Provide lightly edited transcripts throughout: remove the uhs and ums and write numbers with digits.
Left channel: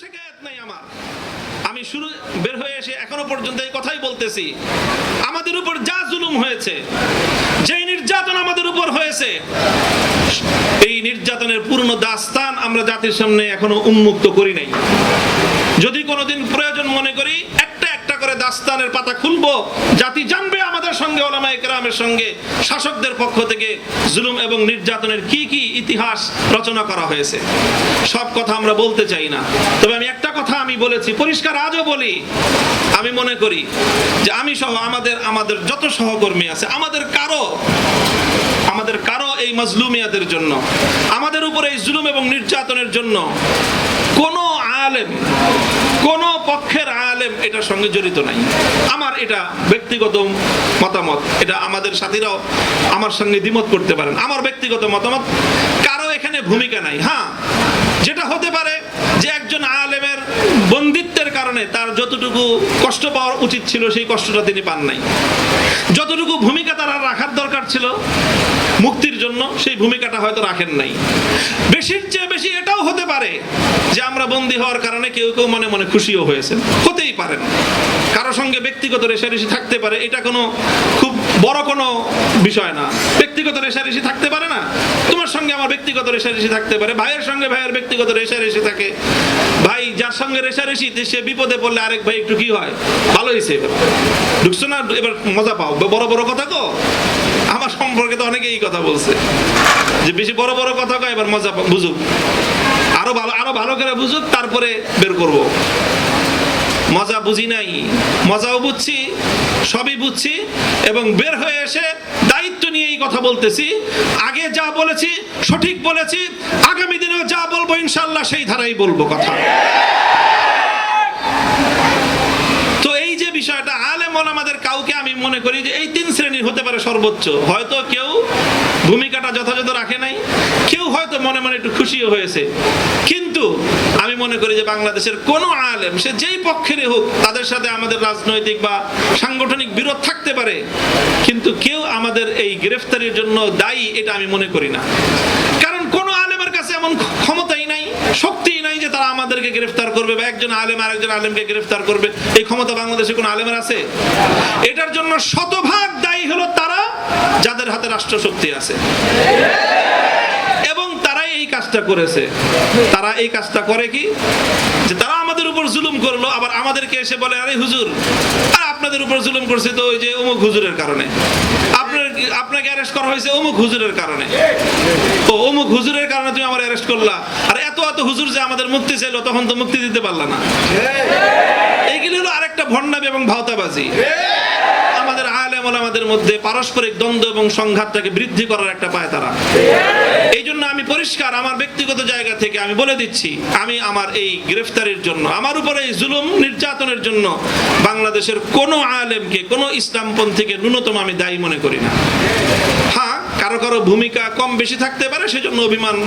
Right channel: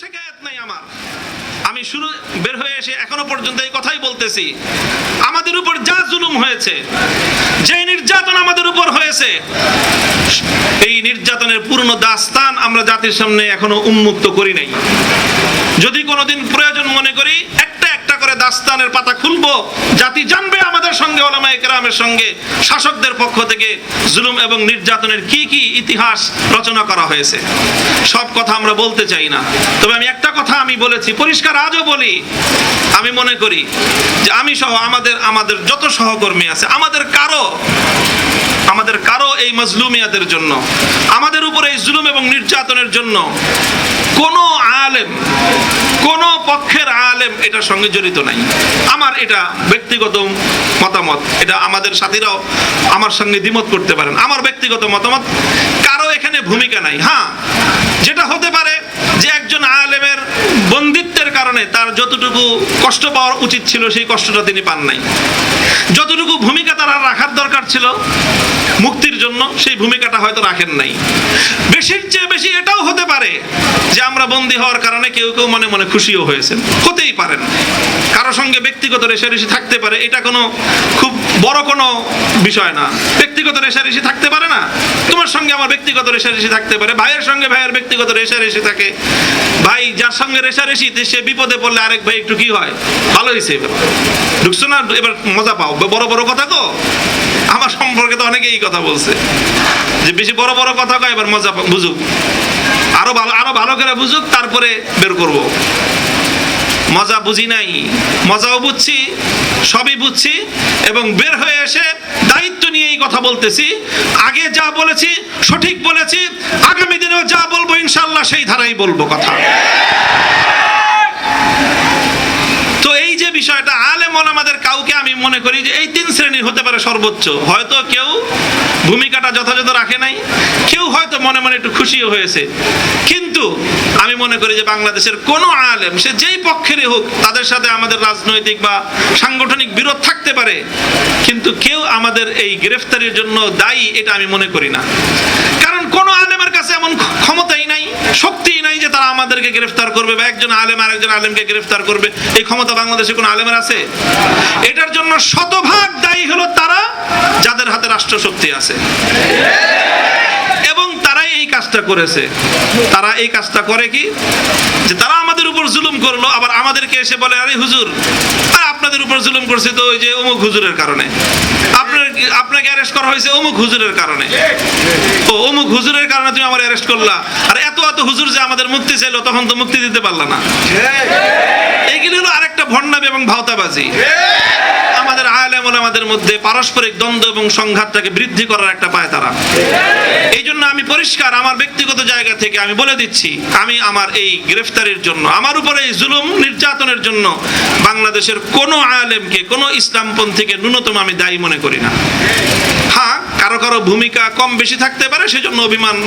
শিকায়ত নাই আমার। আমি শুরু বের হয়ে এসে এখনো পর্যন্ত এই কথাই বলতেছি, আমাদের উপর যা জুলুম হয়েছে, যে নির্যাতন আমাদের উপর হয়েছে, এই নির্যাতনের পূর্ণ দাস্তান আমরা জাতির সামনে এখনো উন্মুক্ত করি নাই। যদি কোনোদিন প্রয়োজন মনে করি একটা একটা করে দাস্তানের পাতা খুলবো, জাতি জানবে আমাদের সঙ্গে, উলামায়ে কেরামের সঙ্গে, শাসকদের পক্ষ থেকে জুলুম এবং নির্যাতনের কি কি ইতিহাস রচনা করা হয়েছে। সব কথা আমরা বলতে চাই না, তবে আমি একটা কথা আমি বলেছি, পরিষ্কার আজও বলি, আমি মনে করি যে আমি সহ আমাদের যত সহকর্মী আছে, আমাদের কারো এই মাজলুমিয়াতের জন্য, আমাদের উপর এই জুলুম এবং নির্যাতনের জন্য কোন আলেম, কোন পক্ষের আলেম এটার সঙ্গে জড়িত নাই। আমার এটা ব্যক্তিগত মতামত, এটা আমাদের সাথীরাও আমার সঙ্গে দ্বিমত করতে পারেন, আমার ব্যক্তিগত মতামত, কারো এখানে ভূমিকা নাই। হ্যাঁ, যেটা হতে পারে যে একজন আলেমের বন্দিত্বের কারণে তার যতটুকু কষ্ট পাওয়ার উচিত ছিল সেই কষ্টটা তিনি পান নাই, যতটুকু ভূমিকা তার রাখার দরকার ছিল মুক্তির জন্য সেই ভূমিকাটা হয়তো রাখেন নাই। বেশির চেয়ে বেশি এটাও হতে পারে যে আমরা বন্দী হওয়ার কারণে কেউ কেউ মনে মনে খুশিও হয়েছেন, হতেই পারেন, কারো সঙ্গে ব্যক্তিগত রেষারেষি থাকতে পারে, এটা কোনো খুব বড় কোনো বিষয় না। ব্যক্তিগত রেষারেষি থাকতে পারে না, তোমার সঙ্গে আমার ব্যক্তিগত রেষারেষি থাকতে পারে, ভাইয়ের সঙ্গে ভাইয়ের ব্যক্তিগত রেষারেষি থাকে, ভাই যার সঙ্গে রেষারেষি সে বিপদে পড়লে আরেক ভাই একটু কি হয়, ভালো হয়েছে এবার ঢুকছো না, এবার মজা পাও, বড় বড় কথা তো। আমার সম্পর্কে তো অনেকে এই কথা বলছে যে বেশি বড় বড় কথা কয়, এবার মজা বুঝুক, আরো ভালো করে বুঝুক, তারপরে বের করব। মজা বুঝি নাই, মজাও বুঝছি, সবই বুঝছি, এবং বের হয়ে এসে দায়িত্ব নিয়ে এই কথা বলতেছি। আগে যা বলেছি সঠিক বলেছি, আগামী দিনেও যা বলবো ইনশাআল্লাহ সেই ধারাই বলবো কথা। তো এই যে বিষয়টা, আলেম ওলামাদের কাউকে আমি মনে করি যে এই তিন শ্রেণীর হতে পারে সর্বোচ্চ, হয়তো কেউ ভূমিকাটা যথাযথ রাখে নাই, কেউ হয়তো মনে মনে একটু খুশিও হয়েছে, কিন্তু আমি মনে করি যে বাংলাদেশের কোন আলেম, সে যেই পক্ষেরই হোক, তাদের সাথে আমাদের রাজনৈতিক বা সাংগঠনিক বিরোধ থাকতে পারে, কিন্তু কেউ আমাদের এই গ্রেফতারির জন্য দায়ী এটা আমি মনে করি না। কারণ কোন আলেমের কাছে এমন ক্ষমতাই নাই, শক্তিই নাই যে তারা আমাদেরকে গ্রেফতার করবে বা একজন আলেম আরেকজন আলেমকে গ্রেফতার করবে, এই ক্ষমতা বাংলাদেশে কোন আলেমের আছে? এটার জন্য শতভাগ দায়ী হলো তারা যাদের হাতে রাষ্ট্রশক্তি আছে, এবং তারাই এই কাজটা করেছে। তারা এই কাজটা করে কি, যে তারা আমাদের উপর জুলুম করলো, আবার আমাদেরকে এসে বলে, আরে হুজুর, আর আপনাদের উপর জুলুম করছে তো ওই যে অমুক হুজুরের কারণে, আপনাকে অ্যারেস্ট করা হয়েছে অমুক হুজুরের কারণে, ও অমুক হুজুরের কারণে তুমি আমার অ্যারেস্ট করলা, আর এত হুজুর যে আমাদের মুক্তি চাইলো তখন তো মুক্তি দিতে পারলা না। এইগুলো হলো আরেকটা ভণ্ডামি এবং ভাওতাবাজি। আমাদের আলেম ওলামাদের মধ্যে পারস্পরিক দ্বন্দ্ব এবং সংঘাতটাকে বৃদ্ধি করার একটা পায় তারা। এই জন্য আমি পরিষ্কার আমার ব্যক্তিগত জায়গা থেকে আমি বলে দিচ্ছি, আমি আমার এই গ্রেফতারির জন্য, আমার উপরে এই জুলুম নির্যাতনের জন্য বাংলাদেশের কোন আলেমকে, কোন ইসলামপন্থীকে ন্যূনতম আমি দায়ী মনে করি না। হ্যাঁ, কারো কারো ভূমিকা কম বেশি থাকতে পারে, সেজন্য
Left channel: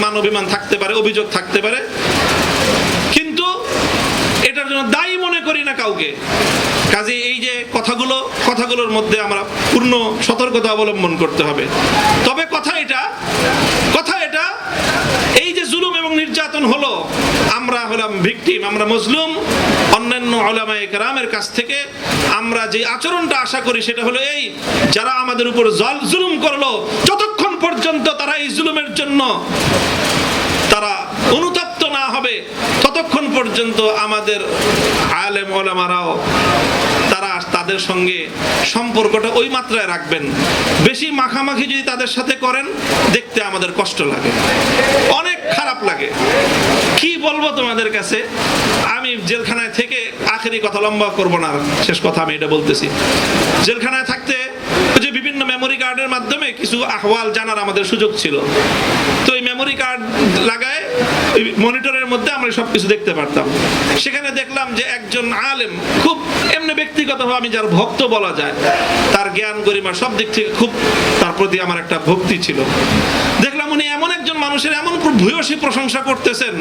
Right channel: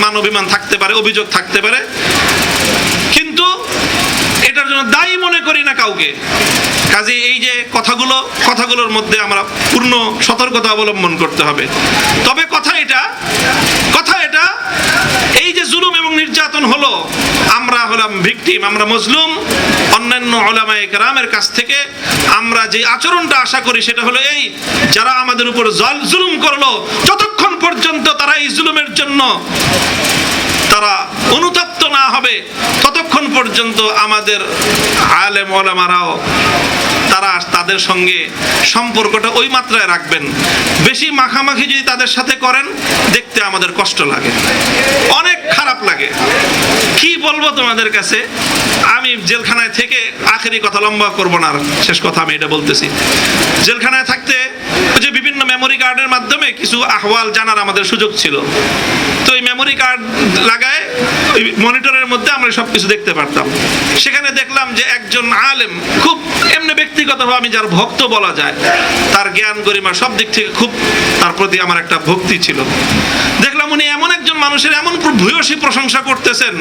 মান অভিমান থাকতে পারে, অভিযোগ থাকতে পারে, কিন্তু এটার জন্য দায়ী মনে করি না কাউকে। কাজে এই যে কথাগুলোর মধ্যে আমরা পূর্ণ সতর্কতা অবলম্বন করতে হবে। তবে কথা এটা, এই যে জুলুম এবং নির্যাতন হলো, আমরা হলাম ভিকটিম, আমরা মজলুম। অন্যান্য উলামায়ে কেরামের কাছ থেকে আমরা যে আচরণটা আশা করি সেটা হলো এই, যারা আমাদের উপর জুলুম করলো, যতক্ষণ পর্যন্ত তারা এই জুলুমের জন্য তারা অনুতপ্ত না হবে, ততক্ষণ পর্যন্ত আমাদের আলেম ওলামারাও তারা তাদের সঙ্গে সম্পর্কটা ওই মাত্রায় রাখবেন। বেশি মাখামাখি যদি তাদের সাথে করেন, দেখতে আমাদের কষ্ট লাগে, অনেক খারাপ লাগে। কি বলবো তোমাদের কাছে, আমি জেলখানায় থেকে, আখেরি কথা লম্বা করবো না, শেষ কথা আমি এটা বলতেছি, জেলখানায় থাকতে যে বিভিন্ন মেমোরি কার্ডের মাধ্যমে কিছু আহওয়াল জানার আমাদের সুযোগ ছিল। তো এই মেমোরি কার্ড লাগায় ওই মনিটরের মধ্যে আমরা সবকিছু দেখতে পারতাম। সেখানে দেখলাম যে একজন আলেম, খুব এমনি ব্যক্তিগতভাবে আমি যার ভক্ত বলা যায়, তার জ্ঞান গরিমা সব দিক থেকে খুব তার প্রতি আমার একটা ভক্তি ছিল। দেখলাম উনি এমন একজন মানুষের এমন ভূয়সী প্রশংসা করতেছেন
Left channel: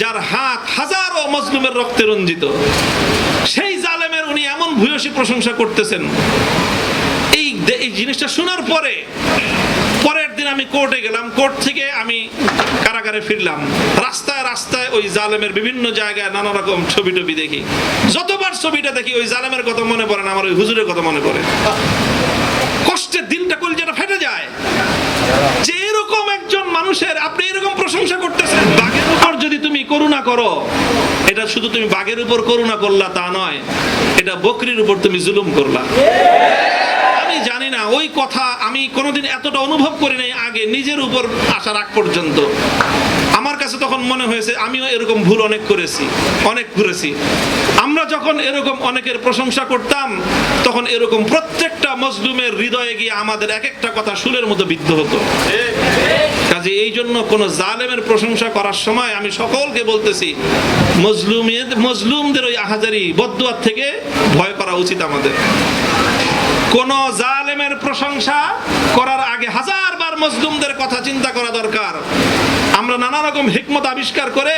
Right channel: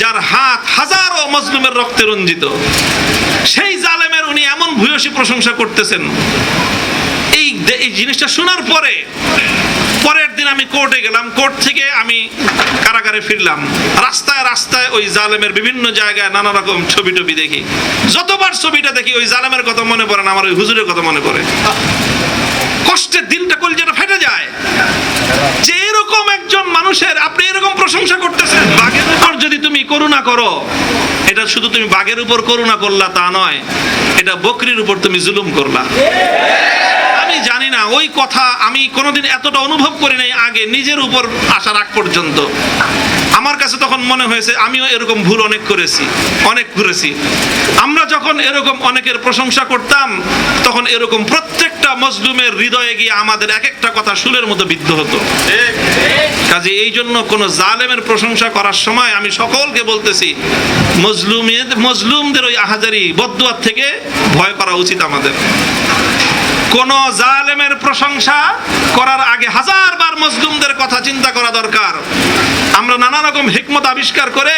যার হাত হাজারো মজলুমের রক্তে রঞ্জিত, সেই জালেমের উনি এমন ভূয়সী প্রশংসা করতেছেন। এই জিনিসটা শোনার পরের দিন একদিন আমি কোর্টে গেলাম, কোর্ট থেকে আমি কারাগারে ফিরলাম, রাস্তায় রাস্তায় ওই জালেমের বিভিন্ন জায়গায় নানা রকম ছবি টবি দেখি। যতবার ছবিটা দেখি ওই জালেমের কথা মনে পড়ে না, আমার ওই হুজুরের কথা মনে পড়ে। কষ্টের দিনটা কলিজাটা ফেটে যায় যে এরকম একজন মানুষের আপনি এরকম প্রশংসা করতেছেন। বাঘের উপর যদি তুমি করুণা করো, এটা শুধু তুমি বাঘের উপর করুণা করলা তা নয়, এটা বকরির উপর তুমি জুলুম করলা। আমি জানি না ওই কথা আমি কোনোদিন এতটা অনুভব করি নাই আগে নিজের উপর আসার আগ পর্যন্ত। আমার কাছে তখন মনে হয়েছে আমিও এরকম ভুল অনেক করেছি। আমরা যখন এরকম অনেকের প্রশংসা করতাম, তখন এরকম প্রত্যেকটা মজলুমের হৃদয়ে গিয়ে আমাদের এক একটা কথা শুলের মতো বিদ্ধ হতো। কাজে এই জন্য কোন জালেমের প্রশংসা করার সময় আমি সকলকে বলতেছি, মজলুমদের ওই আহাজারি বদদুয়ার থেকে ভয় করা উচিত আমাদের। কোন জালেমের প্রশংসা করার আগে হাজারবার মজলুমদের কথা চিন্তা করা দরকার। আমরা নানা রকম হিকমত আবিষ্কার করে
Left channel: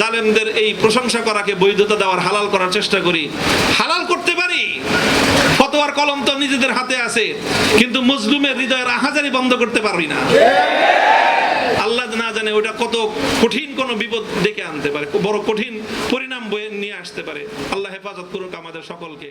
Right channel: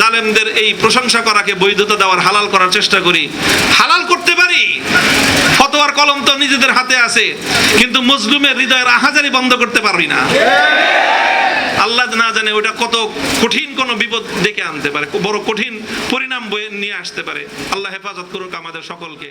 জালেমদের এই প্রশংসা করাকে বৈধতা দেওয়ার, হালাল করার চেষ্টা করি। হালাল করতে পারি, ফতোয়ার কলম তো নিজেদের হাতে আছে, কিন্তু মজলুমের হৃদয়ের আহাজারি বন্ধ করতে পারি না। আল্লাহ না জানে ওটা কত কঠিন কোন বিপদ ডেকে আনতে পারে, বড় কঠিন পরিণাম বয়ে নিয়ে আসতে পারে। আল্লাহ হেফাজত করুক আমাদের সকলকে।